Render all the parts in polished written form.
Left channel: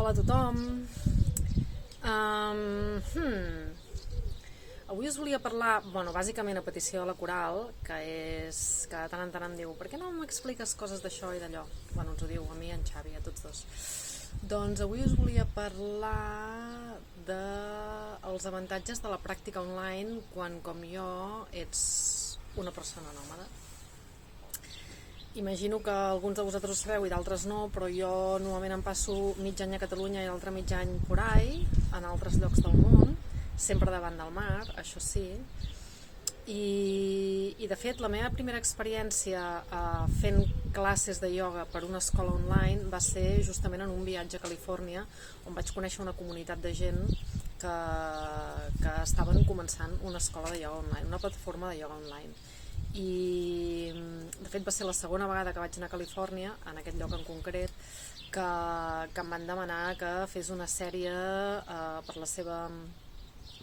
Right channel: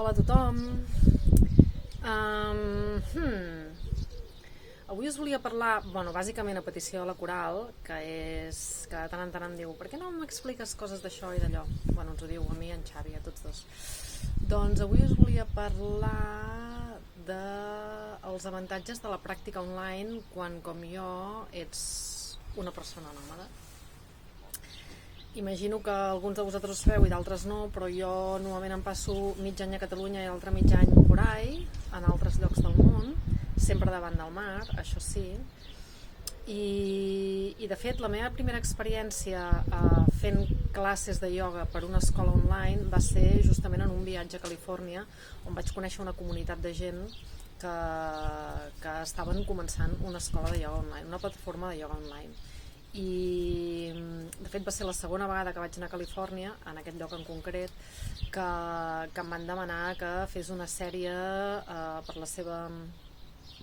Hola a tothom. Avui us volia parlar, bàsicament a petició de la Coral, que és que de tant en tant em diu: per què no m'expliques coses d'això i d'allò? Ens ho diu a mi i a en Xavi, a tots dos. Doncs avui us volia parlar dels avantatges de la pràctica online quan, com jo, ets una persona nòmada. Imagino que alguns de vosaltres ho sabeu i d'altres no, però jo normalment em passo mig any a Catalunya i l'altre mig any por ahí, en altres llocs del món, sempre davant del mar, això sí. I de fet, la meva primera experiència fent classes de ioga per una escola online va ser justament en un viatge a Califòrnia, on vaig conèixer una comunitat de gent que estaven començant una escola de ioga online, una plataforma de ioga online. I de fet va ser la segona vegada que vaig anar a Califòrnia, en aquest lloc en concret, que em van demanar que fes una sèrie per la seva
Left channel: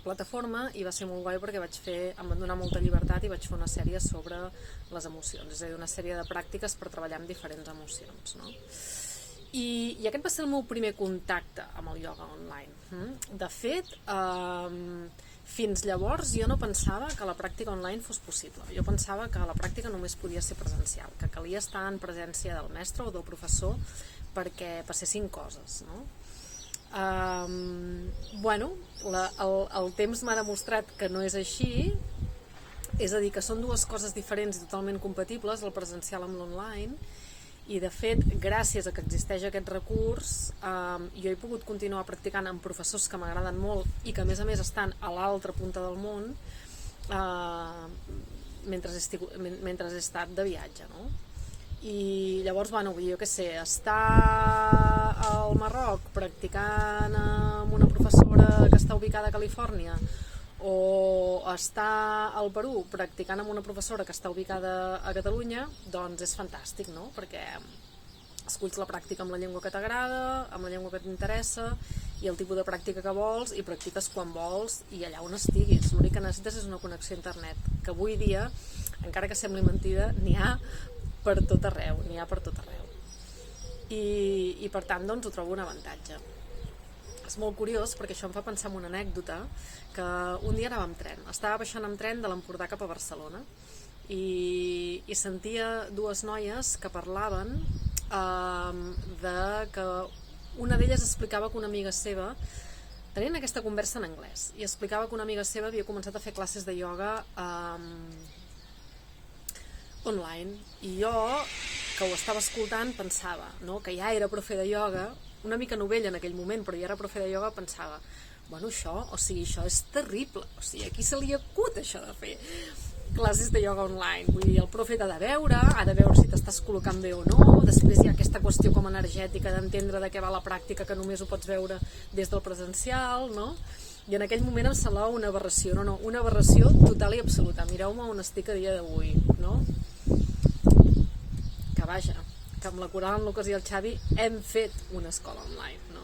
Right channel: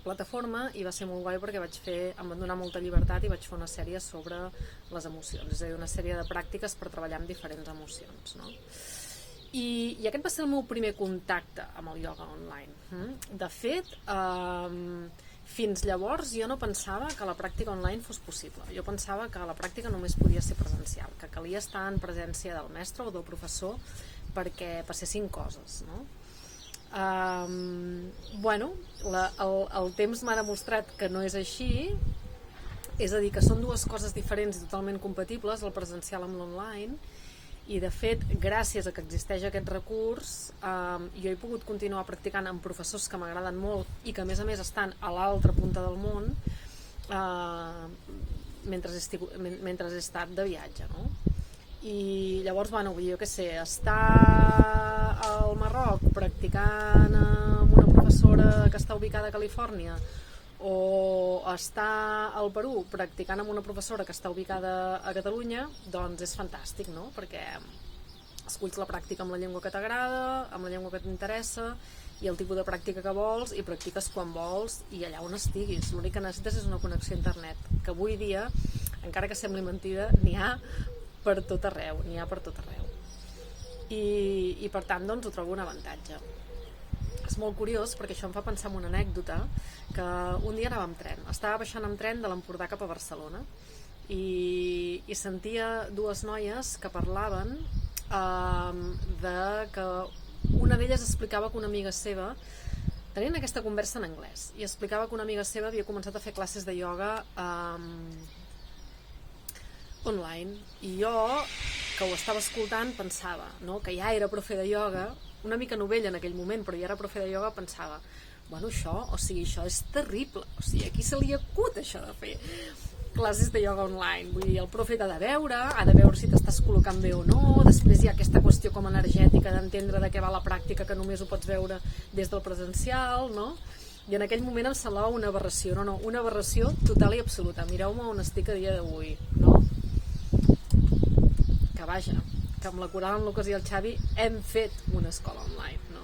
plataforma, i va ser molt guai perquè em van donar molta llibertat i vaig fer una sèrie sobre les emocions, és a dir, una sèrie de pràctiques per treballar amb diferents emocions, no? I aquest va ser el meu primer contacte amb el ioga online. De fet, fins llavors jo no pensava que la pràctica online fos possible. Jo pensava que la pràctica només podia ser presencial, que calia estar en presència del mestre o del professor perquè passessin coses, no? El temps m'ha demostrat que no és així, és a dir, que són dues coses diferents i totalment compatibles, el presencial amb l'online. I de fet, gràcies a que existeix aquest recurs, jo he pogut continuar practicant amb professors que m'agraden molt i que a més estan a l'altra punta del món mentre he estat de viatge, no? I llavors, jo què sé, estar al Marroc practicant amb una professora que està ubicada a Califòrnia, o estar al Perú practicant amb una professora que està ubicada a Catalunya, doncs és fantàstic, no? Perquè esculls la pràctica amb la llengua que t'agrada, amb la llengua que t'interessa i el tipus de pràctica que vols, i practiques quan vols i allà on estiguis. L'únic que necessites és una connexió a internet, que avui dia, encara que sembli mentida, n'hi ha per tot arreu, i per tant doncs ho trobo un avantatge. És molt curiós perquè això em fa pensar en una anècdota, que un dia anava amb tren, estava baixant amb tren de l'Empordà cap a Barcelona i sentia dues noies que parlaven de que una d'elles explicava que una amiga seva, tenien aquesta conversa en anglès, i explicava que una amiga seva havia començat a fer classes de ioga online, i jo, que ho estava escoltant, pensava, no, que ja era profe de ioga, una mica novella en aquell moment, però ja era profe de ioga, pensava, això és terrible, a qui se li acut això de fer classes de ioga online? Vull dir, el profe t'ha de veure si t'estàs col·locant bé o no, després hi ha aquesta qüestió com energètica d'entendre de què va la pràctica, que només ho pots veure des del presencial, no? I en aquell moment em semblava una aberració, una aberració total i absoluta. Mireu-me on estic a dia d'avui, no? Que amb la Coral, en Lucas i el Xavi hem fet una escola online, no?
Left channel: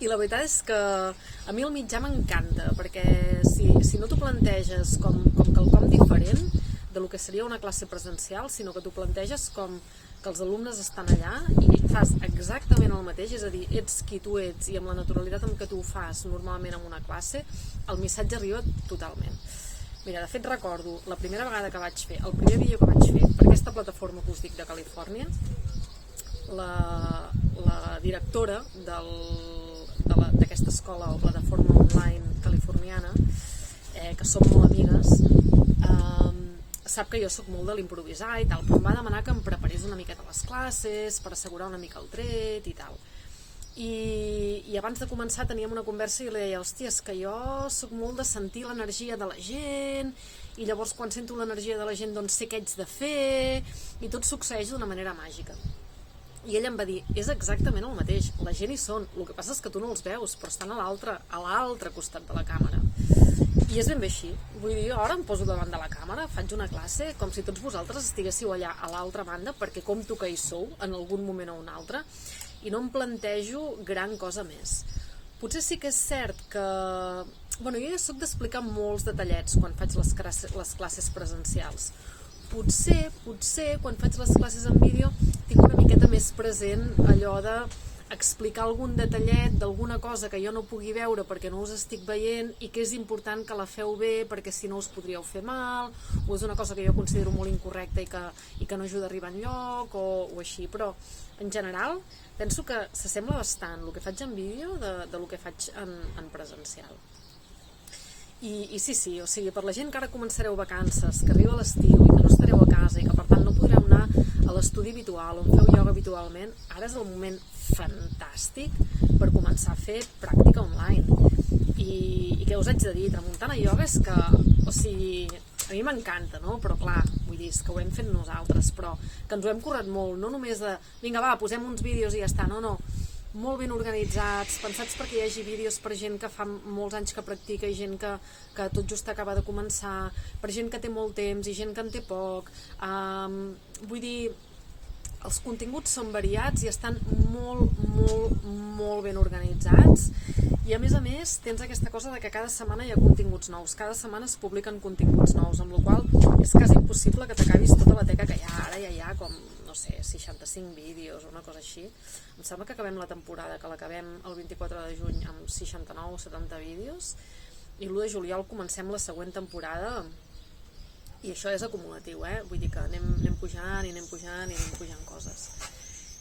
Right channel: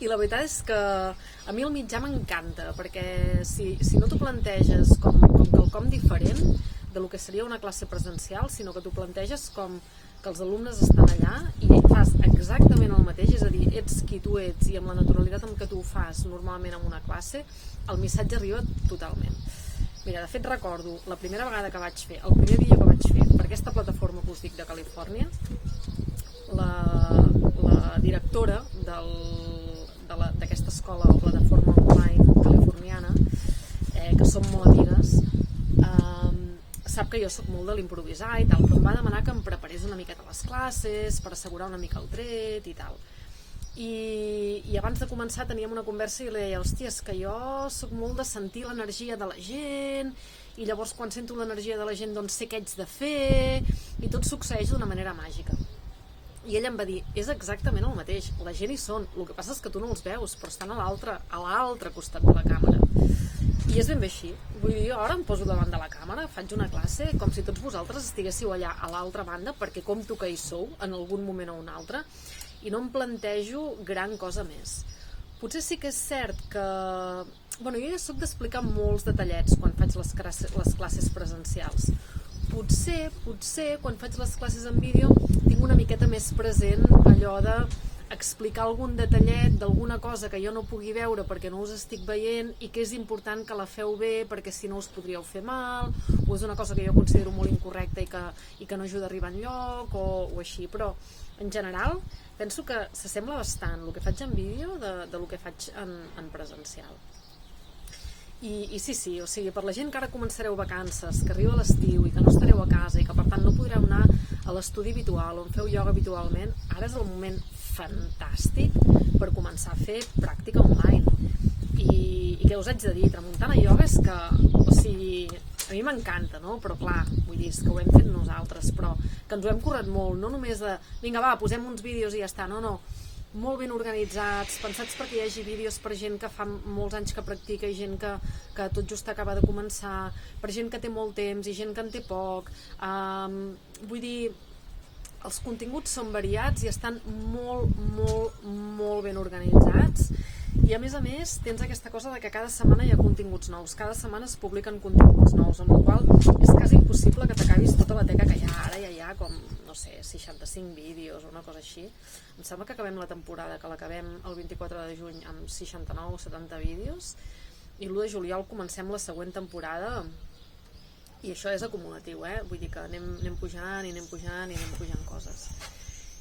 I la veritat és que a mi el mitjà m'encanta, perquè si no t'ho planteges com quelcom diferent de lo que seria una classe presencial, sinó que t'ho planteges com que els alumnes estan allà i fas exactament el mateix, és a dir, ets qui tu ets i amb la naturalitat amb què tu ho fas normalment en una classe, el missatge arriba totalment. Mira, de fet recordo la primera vegada que vaig fer, el primer vídeo que vaig fer per aquesta plataforma que us dic de Califòrnia, la directora d'aquesta escola o plataforma online californiana, que som molt amigues, sap que jo soc molt de l'improvisar i tal, però em va demanar que em preparés una miqueta les classes per assegurar una mica el tret i tal. I abans de començar teníem una conversa i li deia, hòstia, és que jo soc molt de sentir l'energia de la gent, i llavors quan sento l'energia de la gent doncs sé què haig de fer, i tot succeeix d'una manera màgica. I ella em va dir, és exactament el mateix, la gent hi són, el que passa és que tu no els veus, però estan a l'altre costat de la càmera. I és ben bé així, vull dir, ara em poso davant de la càmera, faig una classe com si tots vosaltres estiguéssiu allà a l'altra banda, perquè compto que hi sou en algun moment o un altre, i no em plantejo gran cosa més. Potser sí que és cert que... jo ja soc d'explicar molts detallets quan faig les classes presencials. Potser, quan faig les classes en vídeo, tinc una miqueta més present allò de explicar algun detallet d'alguna cosa que jo no pugui veure perquè no us estic veient i que és important que la feu bé perquè si no us podríeu fer mal, o és una cosa que jo considero molt incorrecta i que no ajuda a arribar enlloc o així, però en general penso que s'assembla bastant el que faig en vídeo de lo que faig en presencial. I sí, o sigui, per la gent que ara començareu vacances, que arriba l'estiu i que no estareu a casa i que per tant no podreu anar a l'estudi habitual on feu ioga habitualment, ara és el moment fantàstic per començar a fer pràctica online. I què us haig de dir? Tramuntana Ioga és que, o sigui, a mi m'encanta, no? Però clar, vull dir, és que ho hem fet nosaltres, però que ens ho hem currat molt, no només de, vinga va, posem uns vídeos i ja està, no, molt ben organitzats, pensats perquè hi hagi vídeos per gent que fa molts anys que practica i gent que tot just acaba de començar, per gent que té molt temps i gent que en té poc. Vull dir, els continguts són variats i estan molt ben organitzats i a més tens aquesta cosa de que cada setmana hi ha continguts nous, cada setmana es publiquen continguts nous, amb la qual és quasi impossible que t'acabis tota la teca que hi ha ara, ja hi ha com, no sé, 65 vídeos o una cosa així. Em sembla que acabem la temporada, que l'acabem el 24 de juny amb 69 o 70 vídeos i l'1 de juliol comencem la següent temporada i això és acumulatiu, vull dir que anem pujant i anem pujant coses.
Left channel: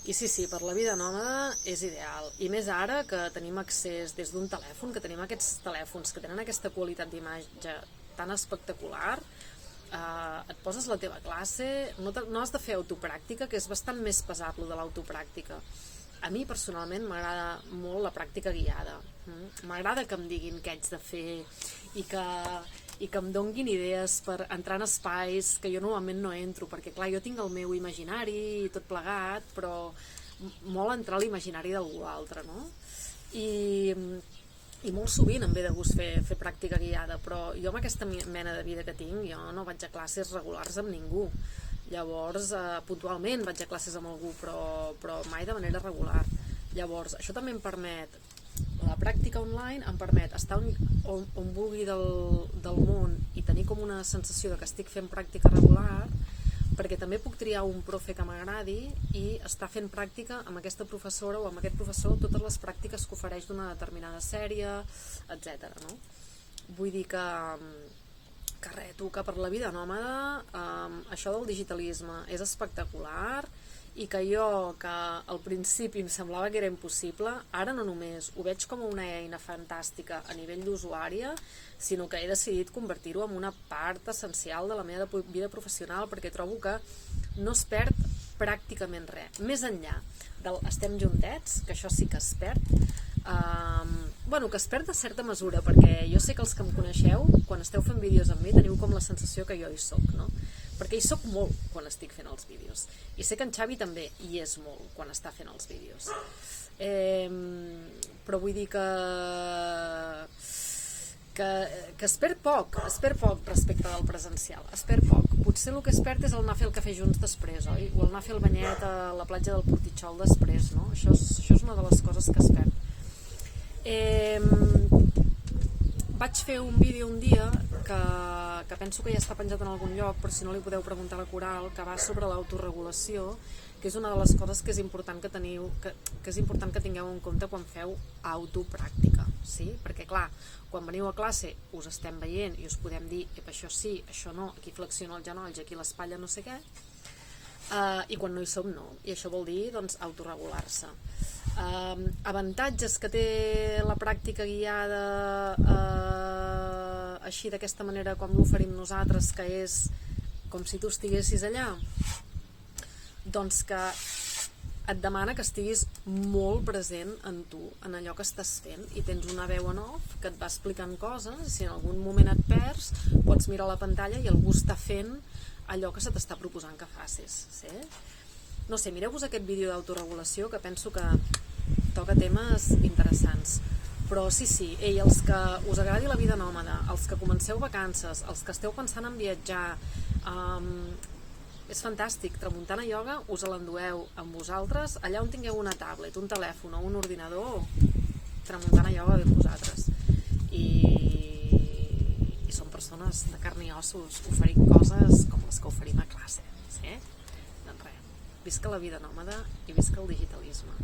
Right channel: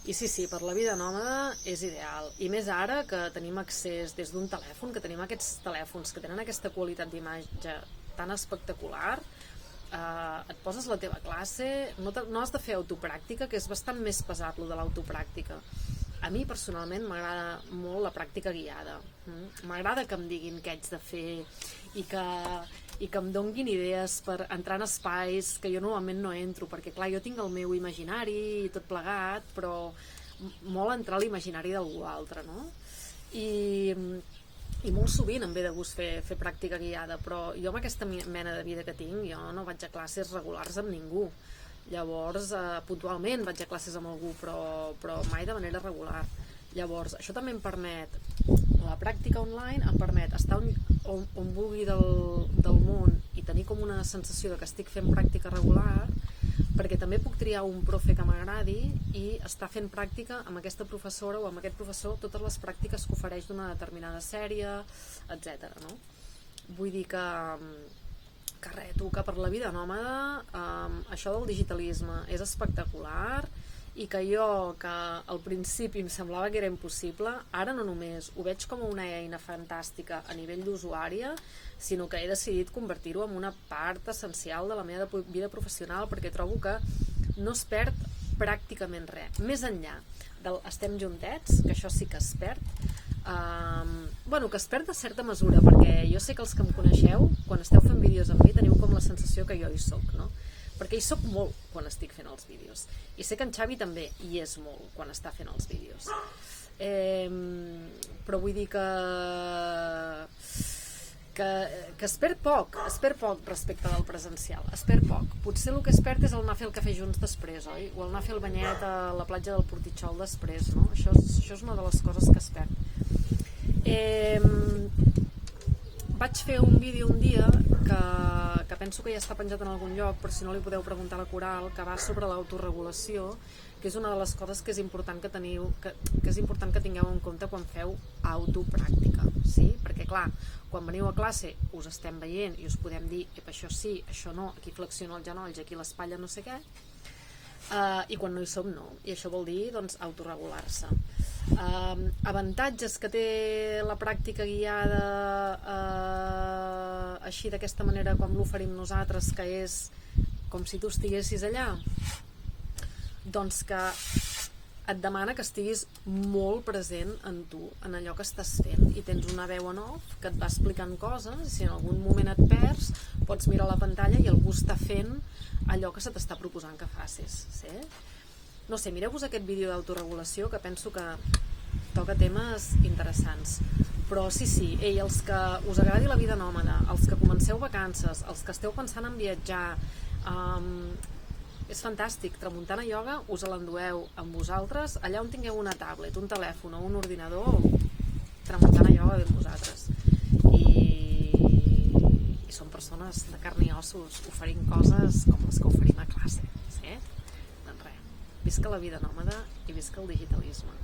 I sí, per la vida nòmada és ideal. I més ara que tenim accés des d'un telèfon, que tenim aquests telèfons que tenen aquesta qualitat d'imatge tan espectacular, et poses la teva classe, no has de fer autopràctica, que és bastant més pesat lo de l'autopràctica. A mi personalment m'agrada molt la pràctica guiada. M'agrada que em diguin què haig de fer i que em donguin idees per entrar en espais que jo normalment no entro, perquè clar, jo tinc el meu imaginari i tot plegat, però molt entrar a l'imaginari d'algú altre, no? I molt sovint em ve de gust fer pràctica guiada, però jo amb aquesta mena de vida que tinc, jo no vaig a classes regulars amb ningú. Llavors, puntualment vaig a classes amb algú, però mai de manera regular. Llavors, això també em permet, la pràctica online em permet estar on vulgui del món i tenir com una sensació de que estic fent pràctica regular, perquè també puc triar un profe que m'agradi i estar fent pràctica amb aquesta professora o amb aquest professor totes les pràctiques que ofereix d'una determinada sèrie, etc. No? Vull dir que per la vida nòmada això del digitalisme és espectacular i que jo, que al principi em semblava que era impossible, ara no només ho veig com una eina fantàstica a nivell d'usuària, sinó que he decidit convertir-ho en una part essencial de la meva vida professional, perquè trobo que no es perd pràcticament res. Més enllà del estem juntets, que això sí que es perd, que es perd de certa mesura, perquè jo sé que els que em coneixeu, quan esteu fent vídeos amb mi, teniu com la sensació que jo hi soc, no? Perquè hi soc molt quan estic fent els vídeos. I sé que en Xavi també hi és molt quan està fent els vídeos. Però vull dir que es perd poc respecte del presencial, es perd poc. Potser el que es perd és el anar a fer el cafè junts després, oi? O el anar a fer el banyet a la platja del Portitxol després, no? Això és una de les coses que es perd. Vaig fer un vídeo un dia que penso que ja està penjat en algun lloc, però si no li podeu preguntar a la Coral, que va sobre l'autoregulació, que és una de les coses que és important que és important que tingueu en compte quan feu autopràctica, sí? Perquè clar, quan veniu a classe us estem veient i us podem dir això sí, això no, aquí flexiono els genolls, aquí l'espatlla no sé què, i quan no hi som no, i això vol dir doncs autoregular-se. Avantatges que té la pràctica guiada així d'aquesta manera com l'oferim nosaltres, que és com si tu estiguessis allà, doncs que et demana que estiguis molt present en tu, en allò que estàs fent, i tens una veu en off que et va explicant coses, i si en algun moment et perds pots mirar la pantalla i algú està fent allò que se t'està proposant que facis, sí? No sé, mireu-vos aquest vídeo d'autoregulació, que penso que toca temes interessants. Però sí, els que us agradi la vida nòmada, els que comenceu vacances, els que esteu pensant en viatjar, és fantàstic. Tramuntana Ioga us l'endueu amb vosaltres, allà on tingueu una tablet, un telèfon o un ordinador, Tramuntana Ioga ve amb vosaltres. I som persones de carn i ossos, oferint coses com les que oferim a classe, sí? Doncs res, visca la vida nòmada i visca el digitalisme.